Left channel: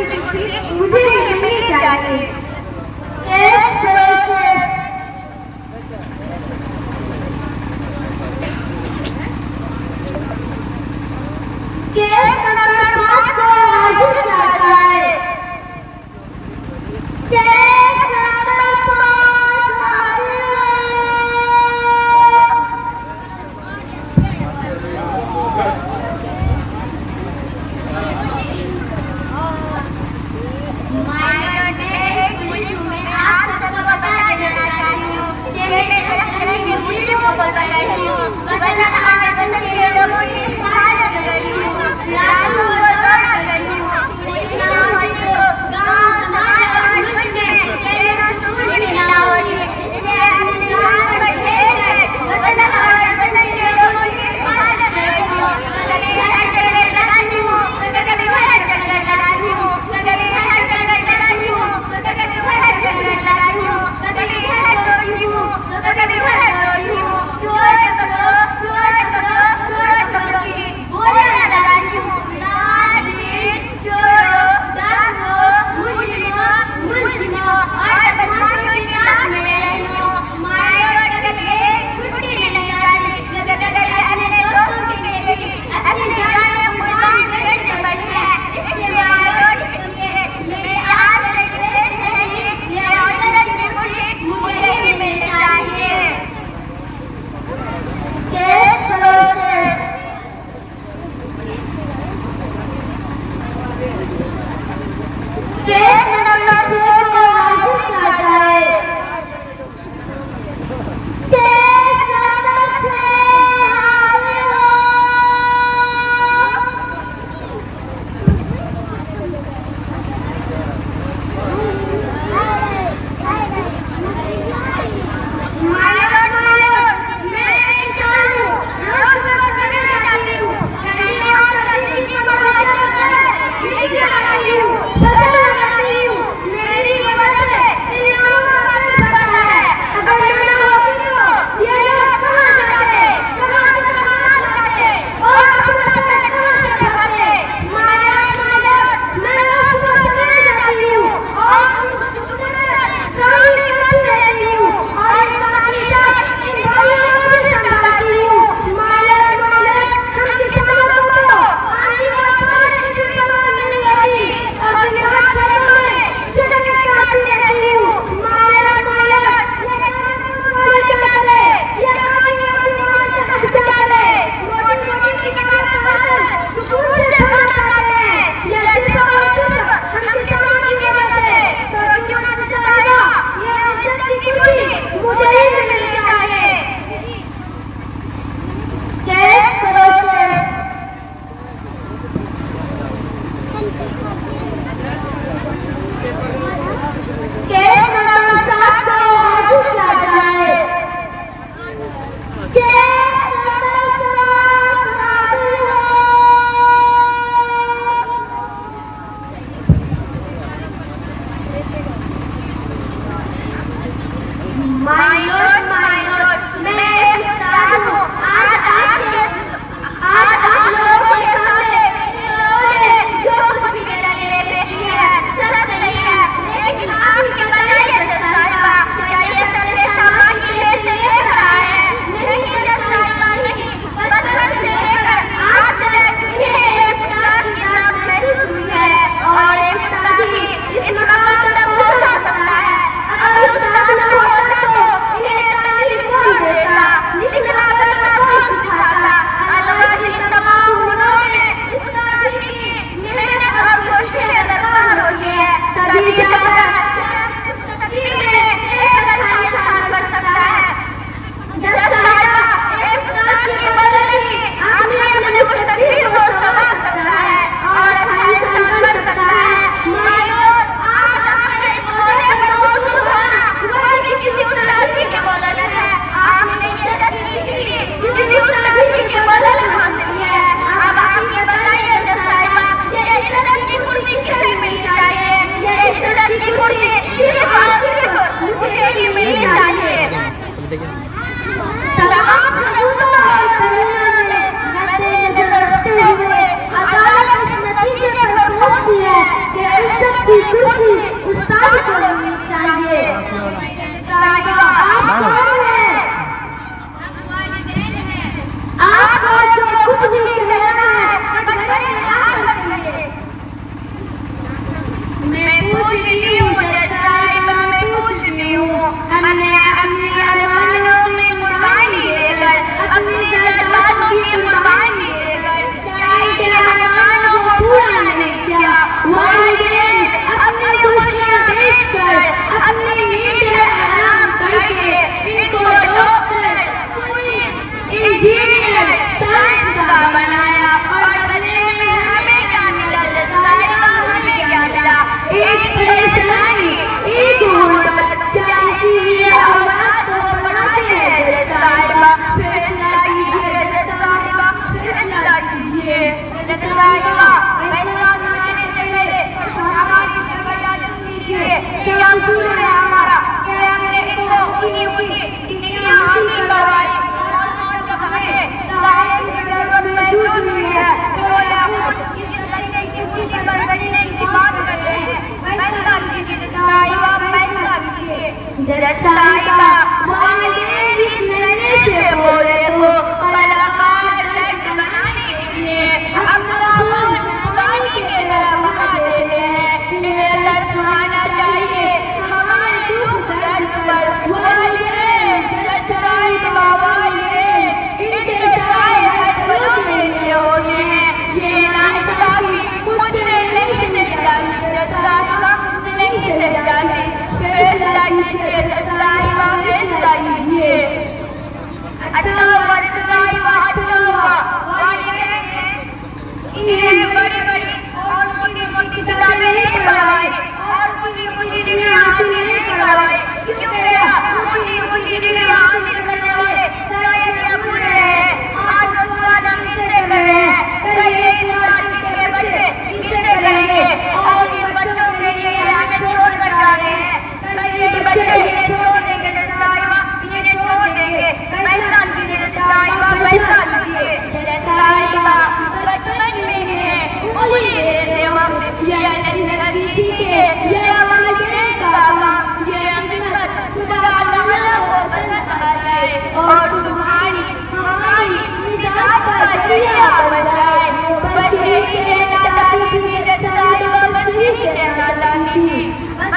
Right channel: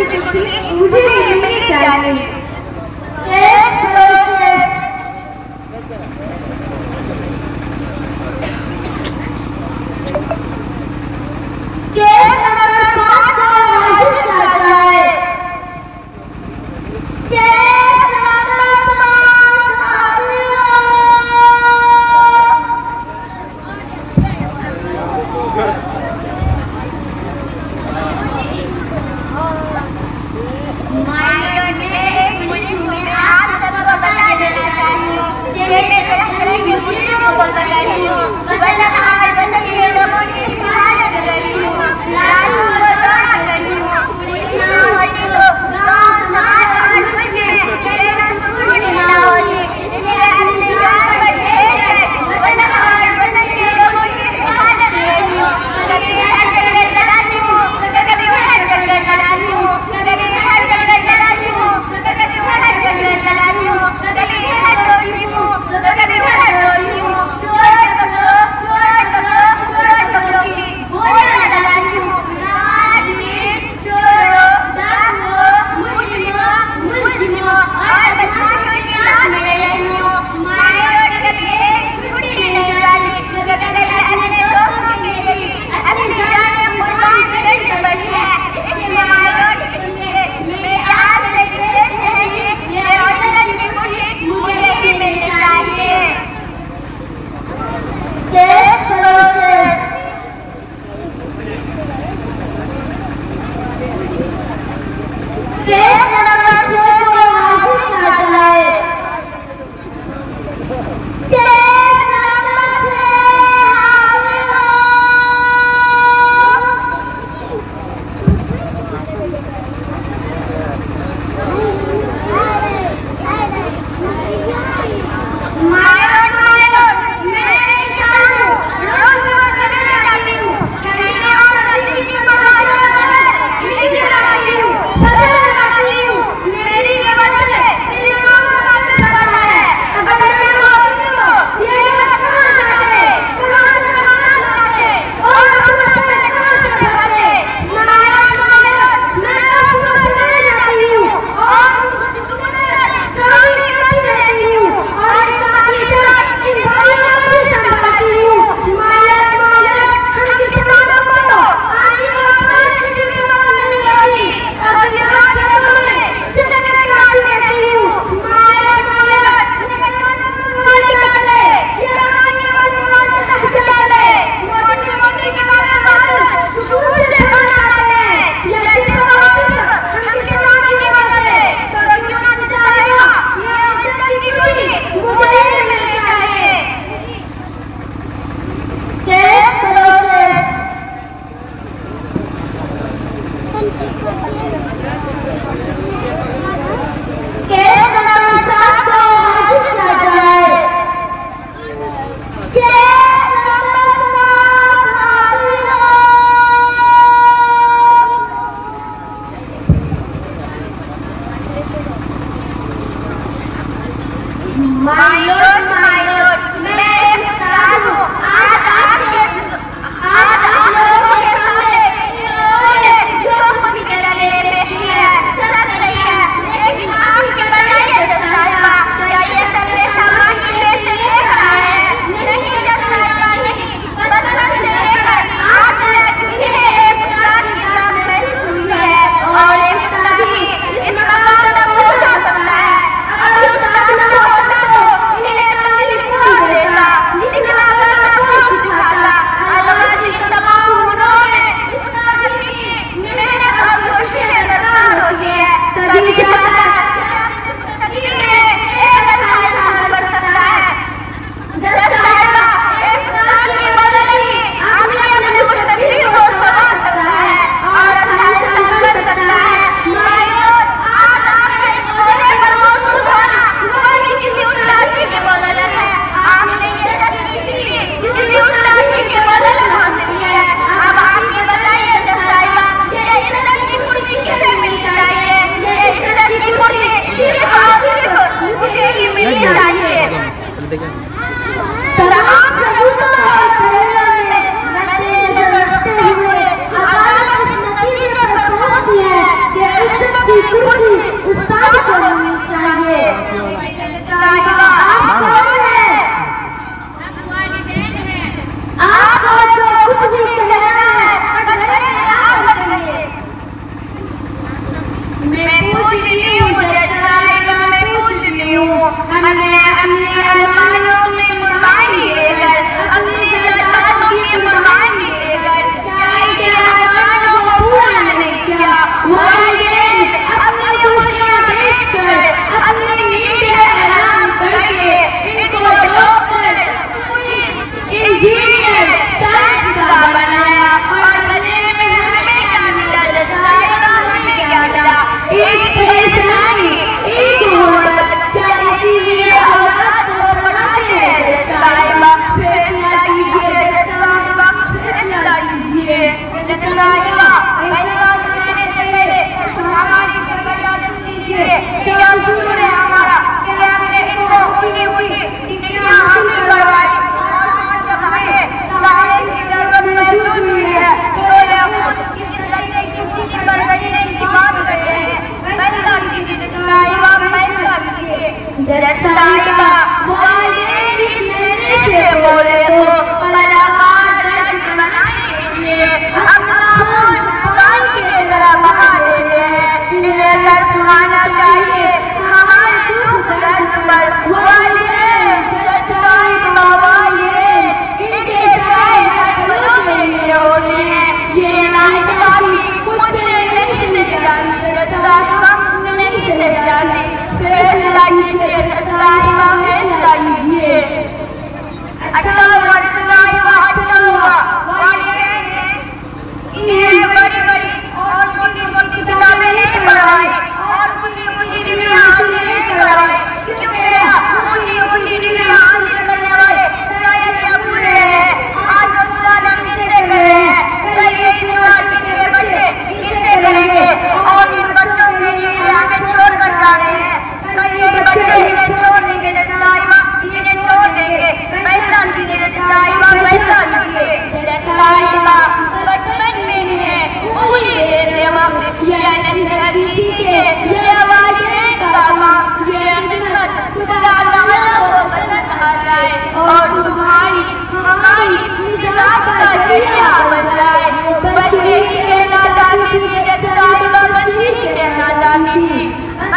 की कुर्सी मुझे मिलनी चाहिए। केस नंबर 5 का हाजिर चाहता है। केस नंबर 5 हाजिर है। की कुर्सी उस्ताद को मिलनी चाहिए। साहिबा आप कौन है? आपका जो कुछ भी कहना है बड़े में आकर कहिए। मैं पूछती हूँ मैं पूछती हूँ हमने अपने अरमानों में मान लिए अपनी सरकार की मान लिए के अरमान को पूरा नहीं किया। वालिदैन अपनी खुशियाँ बेचकर अपनी नींदें हराम करके इनको डॉक्टर इंजीनियर साइंसदान बनाया और बनने में हमें क्या मिला? हमें क्या मिला? एक परेशानी, एक गुर्बत। क्या इसीलिए औरत को बनाते हैं? साहिबा फैसला कीजिए, साहिबा फैसला कीजिए। साहिबा फैसला करने से समाज की फैसला कीजिए। क्या सुना है हमारा? क्या हमने को हुई डिग्री हासिल करवाई और हमें सारे की जरूरत महसूस हुई है। कोई अब किस तरह की खुशी के बैठने की बात करते हैं। फैसला कीजिए साहिबा, फैसला कीजिए। साहिबा वालिदैन इस नन्हे से बोले तो पलकार दर्द बनाएंगे। अपना खून पानी के तरह बहा देते हैं। इन्हें दर्द सुहाना चाहिए हमारे दुख दर्द पर। वालिदैन साहिबा वालिदैन इनके साए हटों के लिए होते हैं। ये नाइंसाफी मुझसे नहीं सही जाती, नहीं सही जाती। फैसला कीजिए साहिबा, फैसला कीजिए। अच्छा हुआ साहिबा, अच्छा हुआ। इन्हें बड़ी बड़ी और मोटी किताबें नहीं पढ़ाई और मुझे डिग्री हासिल नहीं करवाई। क्यों भैया? मुझे डिग्री हासिल करने वाले सारे पूरे हैं। आज सवाल हम इसे कर रहे हैं, कल ये यूनिवर्सिटी के बच्चे इसे करेंगे और इन बच्चों के लिए आगे छोड़ कर जा रहे हैं। कल ये बच्चे इन्हें छोड़ देंगे साहिबा, इन्हें छोड़ देंगे। फैसला कीजिए साहिबा, फैसला कीजिए। साहिबा बचपन में है उम्मीदें वक्त ये जिंदगी के ये वालिदैन का माँ ये हिम्मत खुदा ताला को पसंद आ जाए और तुम्हारी हमारी निजात का जरिया बन जाए। बच्चे कहना चाहती थी साहिबा, बच्चे कहना चाहती थी बस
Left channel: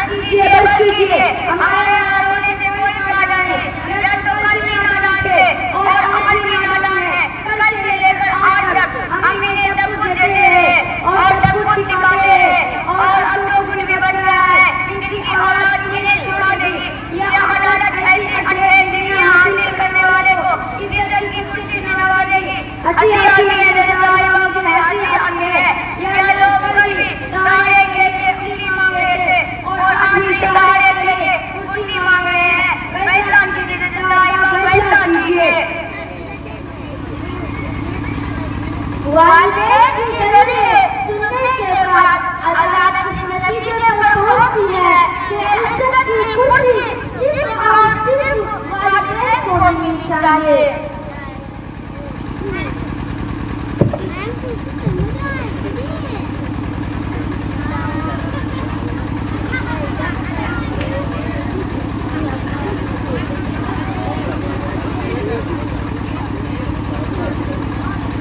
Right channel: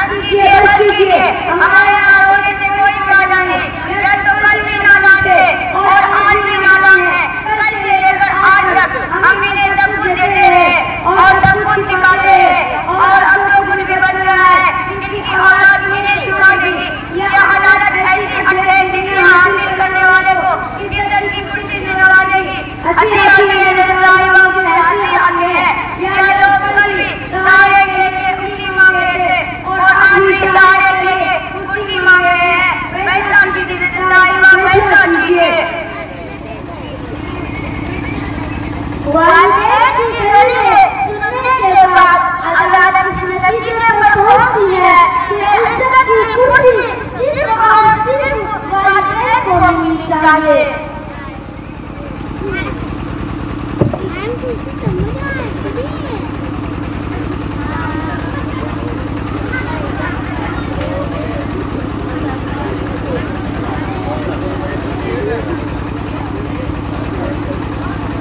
कीजिए हमारे यहाँ रोने से कोई फायदा नहीं। या तो कल भी गाना थे और आज भी गाना है। कल से लेकर आज तक हमने सब कुछ देते हैं और सब कुछ सिखाते हैं और अब लोग उनके बन गया है। इनकी औलाद इन्हें सिखा दी। यह अदालत ऐसी अच्छे डिग्री हासिल करने वाले को इज्जत की कुर्सी दिलवा देगी। अच्छी अच्छी मेरे साहिबा की हंसी आती है। यह लोग कभी सहारे के लिए कुर्सी मांग रहे थे और आज भी सहारे के लिए कुर्सी मांग रहे हैं। फैसला कीजिए साहिबा, फैसला कीजिए। वालिदैन की दलीलें सुनने के बाद अदालत इस नतीजे पर पहुंचती है कि इज्जत की कुर्सी सिर्फ और सिर्फ वालिदैन को मिलनी चाहिए।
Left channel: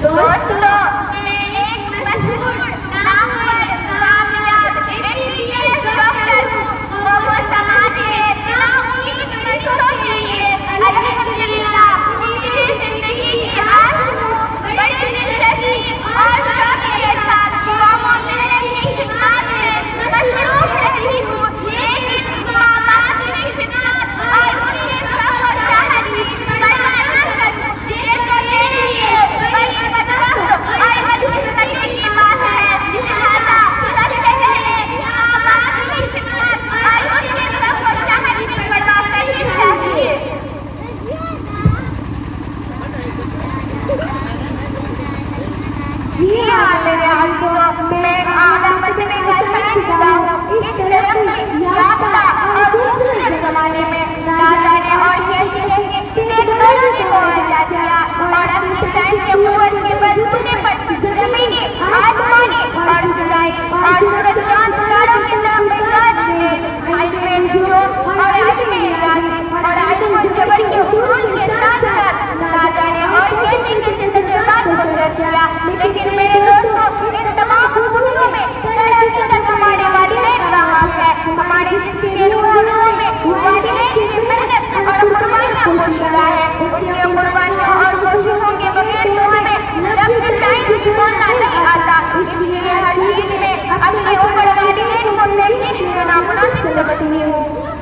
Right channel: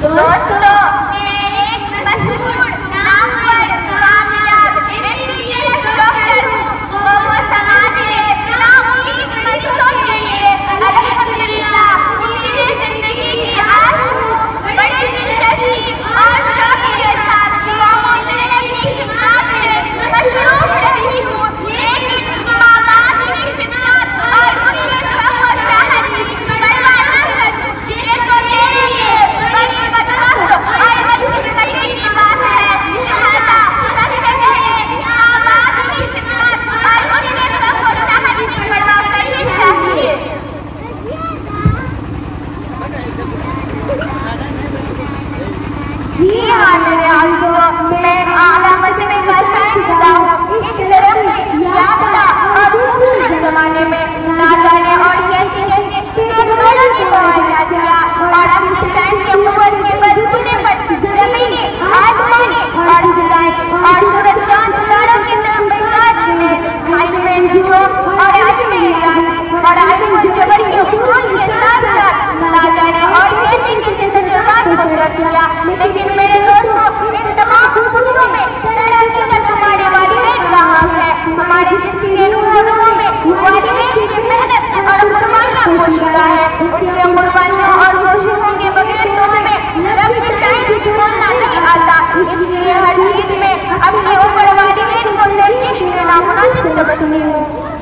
दोस्तों जिंदगी की आज बड़ी दिलचस्पी और खुशी है। उनकी कुर्बानियों और खुशियों के बगैर तो हमें नबी साहब की छोड़ना नहीं आता। इसलिए हर चीज में अपनी उम्र वाली सुंदर की नामुनासिब समझती हूँ।